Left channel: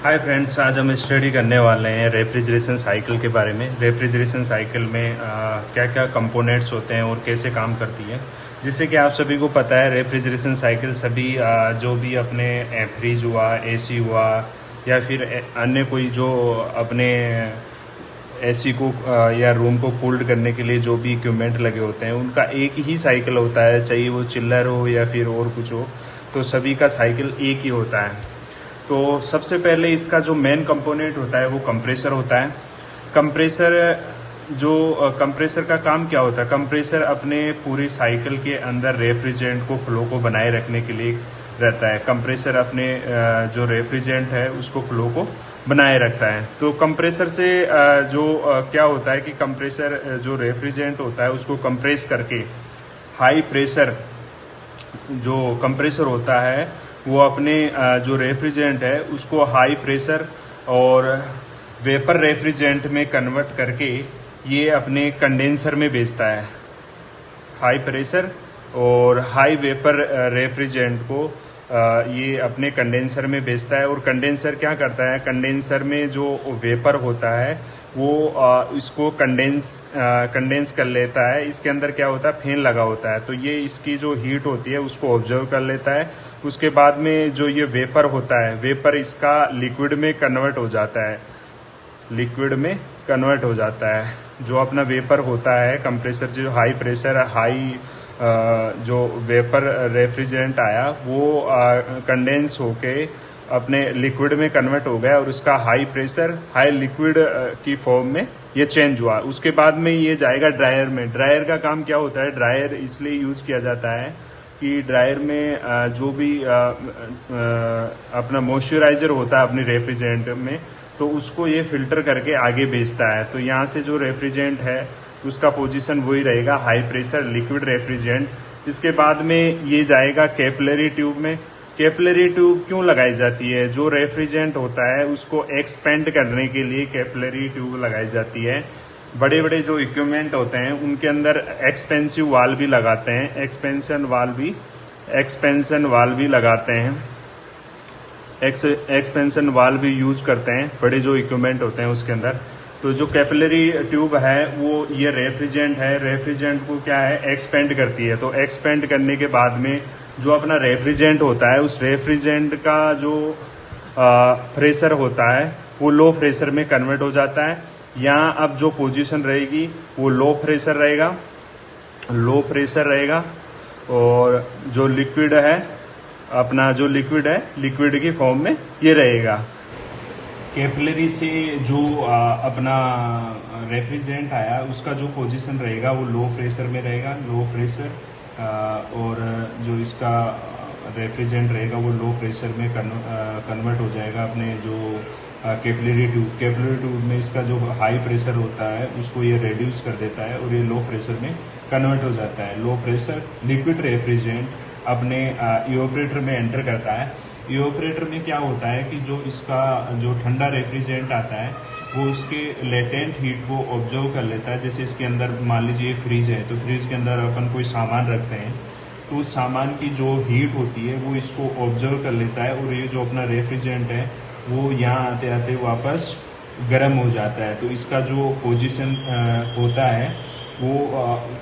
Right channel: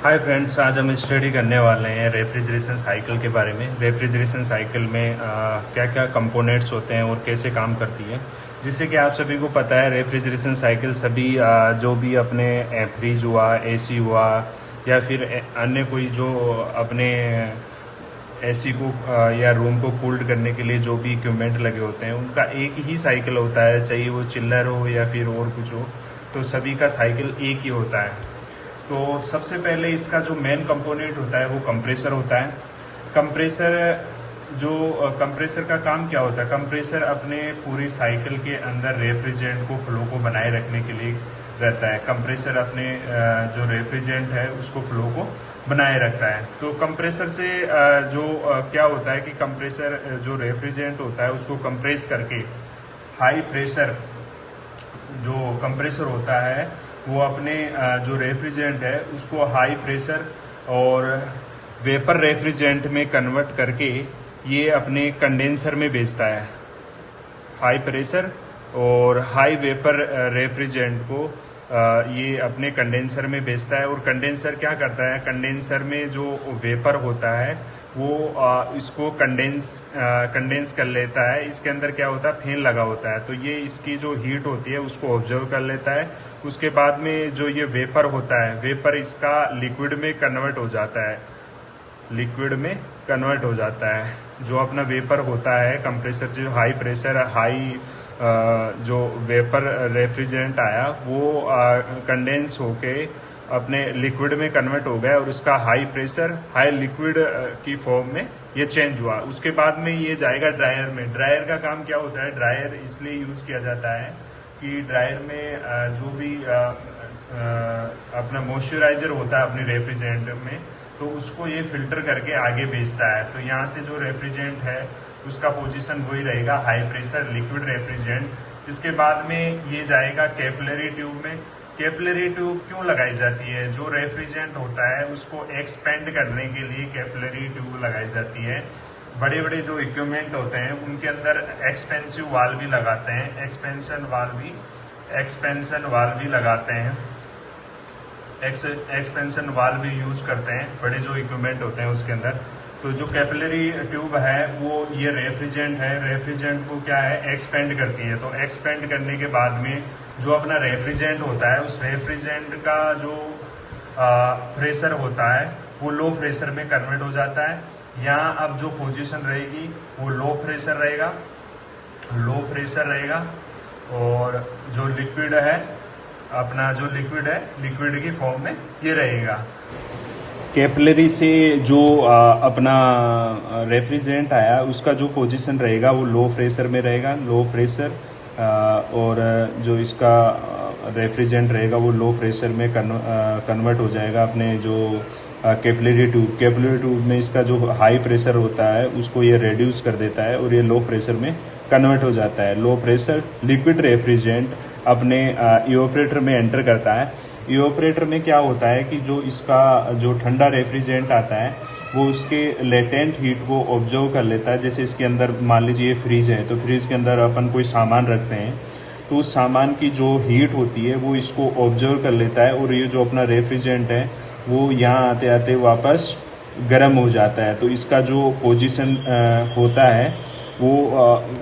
Hi friends, आज हम study करने वाले हैं रेफ्रिजरेशन साइकिल के बारे में। रेफ्रिजरेशन साइकिल में क्या क्या कंपोनेंट्स होते हैं और कैसे काम करती है। जिससे कि आप सभी को पता है, रेफ्रिजरेशन साइकिल सभी जो भी अपने फ्रिज हुआ, एसी हुआ, या फिर अन्य कोई जो अपने एसी को या रूम को कूल्ड करने के लिए जो भी इक्विपमेंट लगे होते हैं, उनका एक ही साइकिल होता है, चाहे वो चिल्लर हो या फिर और कुछ हो। तो सभी का साइकिल एक ही होता है। तो सबसे पहले इसका जो मेन कंपोनेंट होता है वो कंप्रेसर होता है। कंप्रेसर कंप्रेसर का काम क्या होता है? कंप्रेसर अपने पूरी साइकिल के अंदर रेफ्रिजरेंट को फ्लो को बनाए रखने के लिए रहता है। कंप्रेसर अपने जो रेफ्रिजरेंट है उसको फ्लो को बनाए रखता है। तो कंप्रेसर से क्या होता है कि कंप्रेसर जो रेफ्रिजरेंट होता है उसको कंप्रेस करके हाई प्रेशर जो कंप्रेसर होता है वो अपने जो रेफ्रिजरेंट है उसको हाई प्रेशर और वेपर रेफ्रिजरेंट में कन्वर्ट करके ये अपने कंडेंसर में भेजता है। हाई प्रेशर और हाई वेपर रेफ्रिजरेंट को ये अपने कंडेंसर में भेजता है। और कंडेंसर क्या करता है? कंडेंसर में जो वेपर होता है वो इसको कंडेंस कर लेता है। इसके अंदर क्या होता है? फैन लगा होता है, तो ये इसकी जो हीट होती है उसको ऑब्जर्व कर लेता है। उसके बाद में जो ये वेपर होता है, वेपर इसका लिक्विड में कन्वर्ट हो जाता है। लिक्विड में कन्वर्ट हो जाता है। जो अपना वेपर होता है, कंप्रेसर जो हाई प्रेशर हाई जो वेपर रेफ्रिजरेंट आया वो कंडेंस होके अपने लिक्विड में कन्वर्ट हो गया और उसका हाई प्रेशर हाई लिक्विड की फॉर्म में ये चेंज हुआ। उसके बाद में ये जाएगा ड्रायर में। ड्रायर का काम क्या होता है? ड्रायर इसलिए यूज किया जाता है कि ड्रायर में जो भी अपना मॉइस्चराइजर होता है अपनी रेफ्रिजरेंट में, तो उसको ये फिल्टर करके आगे भेजता है। तो यहाँ से जो रेफ्रिजरेंट है उसका पोजीशन वही रहेगा, हाई प्रेशर लिक्विड रेफ्रिजरेंट। इसके बाद में ये जाएगा कैपिलरी ट्यूब में। कैपिलरी ट्यूब क्यों लगाई जाती है? जो रेफ्रिजरेंट होता है उसको एक्सपेंड करने के लिए कैपिलरी ट्यूब लगाई जाती है। बड़े बड़े जो इक्विपमेंट होते हैं उनके अंदर एक्सपेंसिव वाल्व भी लगाते हैं, एक्सपेंशन वाल्व भी लगाते हैं, एक्सपेंशन वाल्व भी यूज करते हैं बड़े जो इक्विपमेंट होते हैं उसके अंदर। तो जो कैपिलरी ट्यूब है वो ये रेफ्रिजरेंट है, रेफ्रिजरेंट को क्या है? एक्सपेंड करती है। तो एक्सपेंड करने के बाद में जो अपना रेफ्रिजरेंट होता है उस रेफ्रिजरेंट का जो प्रेशर होता है वो लो प्रेशर में कन्वर्ट हो जाता है। यहाँ अब जो पोजीशन रहेगी वो लो प्रेशर रहेगा और जो लिक्विड है अपना जो लिक्विड है लिक्विड की फॉर्म में ये रहेगा। कैपिलरी से जो अपना रेफ्रिजरेंट आया उसका जो पोजीशन रहेगा वो लो प्रेशर में रहेगा, लो प्रेशर और जो इसका रेफ्रिजरेंट रहेगा वो लो प्रेशर में कन्वर्ट हो जाएगा अपने जो कैपिलरी ट्यूब में इसका जो हाई प्रेशर होता है उसको ये रिड्यूस कर देता है और ये लो प्रेशर में कन्वर्ट हो जाता है। लो प्रेशर लिक्विड रेफ्रिजरेंट अपने इवेपोरेटर में एंटर करता है। इवेपोरेटर में क्या होता है कि जो इसका जो ठंडा रेफ्रिजरेंट आता है वो उसके लेटेंट हीट को ऑब्जर्व कर लेता है। जैसे इसके अंदर मान लीजिए फ्रिज है, तो फ्रिज के अंदर अपन कोई सामान रखते हैं तो उस सामान की जो हीट होती है वो इसको ऑब्जर्व कर लेता है और ये जो अपना रेफ्रिजरेंट है वो यहाँ आते आते वापस गर्म हो जाता है। तो इसका जो पोजीशन होता है वो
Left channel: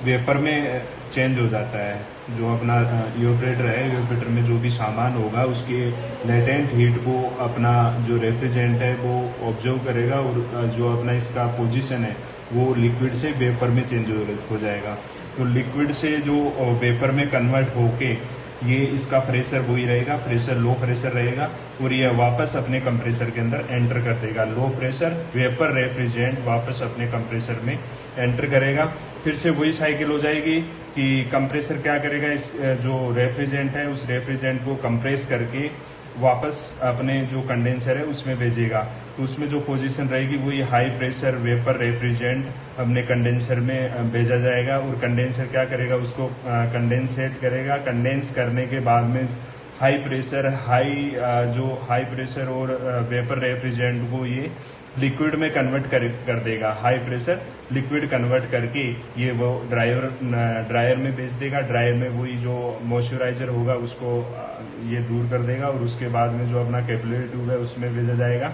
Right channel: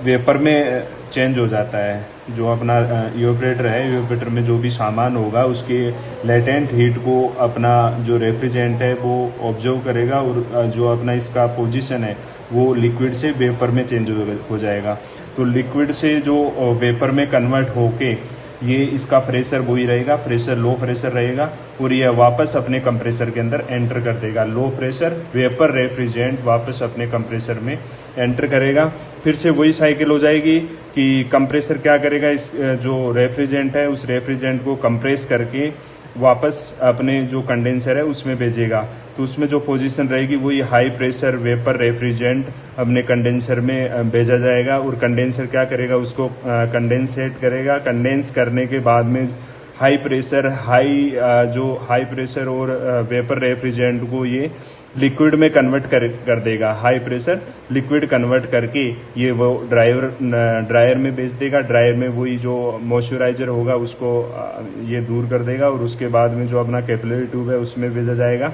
वेपर में चेंज हो जाता है। जो अपना इवेपोरेटर है, इवेपोरेटर में जो भी सामान होगा उसके लेटेंट हीट को अपना जो रेफ्रिजरेंट है वो ऑब्जर्व करेगा और जो अपना इसका पोजीशन है वो लिक्विड से वेपर में चेंज हो जाएगा। तो लिक्विड से जो वेपर में कन्वर्ट होके ये इसका प्रेशर वही रहेगा, प्रेशर लो प्रेशर रहेगा और ये वापस अपने कंप्रेसर के अंदर एंटर कर देगा। लो प्रेशर वेपर रेफ्रिजरेंट वापस अपने कंप्रेसर में एंटर करेगा। फिर से वही साइकिल हो जाएगी कि कंप्रेसर क्या करेगा, इस जो रेफ्रिजरेंट है उस रेफ्रिजरेंट को कंप्रेस करके वापस अपने जो कंडेंसर है उसमें भेजेगा। तो उसमें जो पोजीशन रहेगी वही हाई प्रेशर वेपर रेफ्रिजरेंट अपने कंडेंसर में भेजा जाएगा और कंडेंसर क्या करेगा? उसको कंडेंसेट करेगा। कंडेंस करने के बाद में हाई प्रेशर और वेपर रेफ्रिजरेंट को ये लिक्विड में कन्वर्ट कर देगा। हाई प्रेशर लिक्विड कन्वर्ट करके ये वो ड्रायर में भेज देगा। ड्रायर में वही जो मॉइस्चराइजर होगा उसको ये दूर कर देगा और उसके बाद में जो अपना कैपिलरी ट्यूब है उसमें भेजा जाएगा।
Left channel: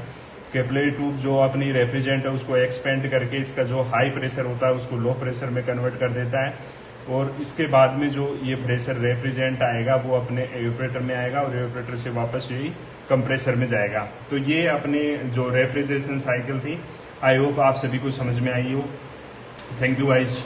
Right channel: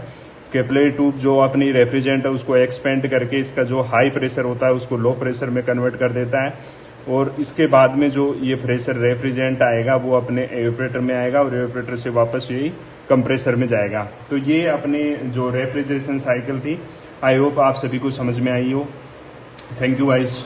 कैपिलरी ट्यूब जो अपनी रेफ्रिजरेंट है उसको एक्सपेंड करके इसका जो हाई प्रेशर होता है उसको लो प्रेशर में कन्वर्ट कर देता है और इसके बाद में जो ये प्रेशर रेफ्रिजरेंट आएगा वो अपने एवेपोरेटर में आएगा और एवेपोरेटर से वापस यही कंप्रेसर में जाएगा। तो ये अपने जो रेफ्रिजरेशन साइकिल थी, आई होप आप सभी को समझ में आई हो। Thank you guys.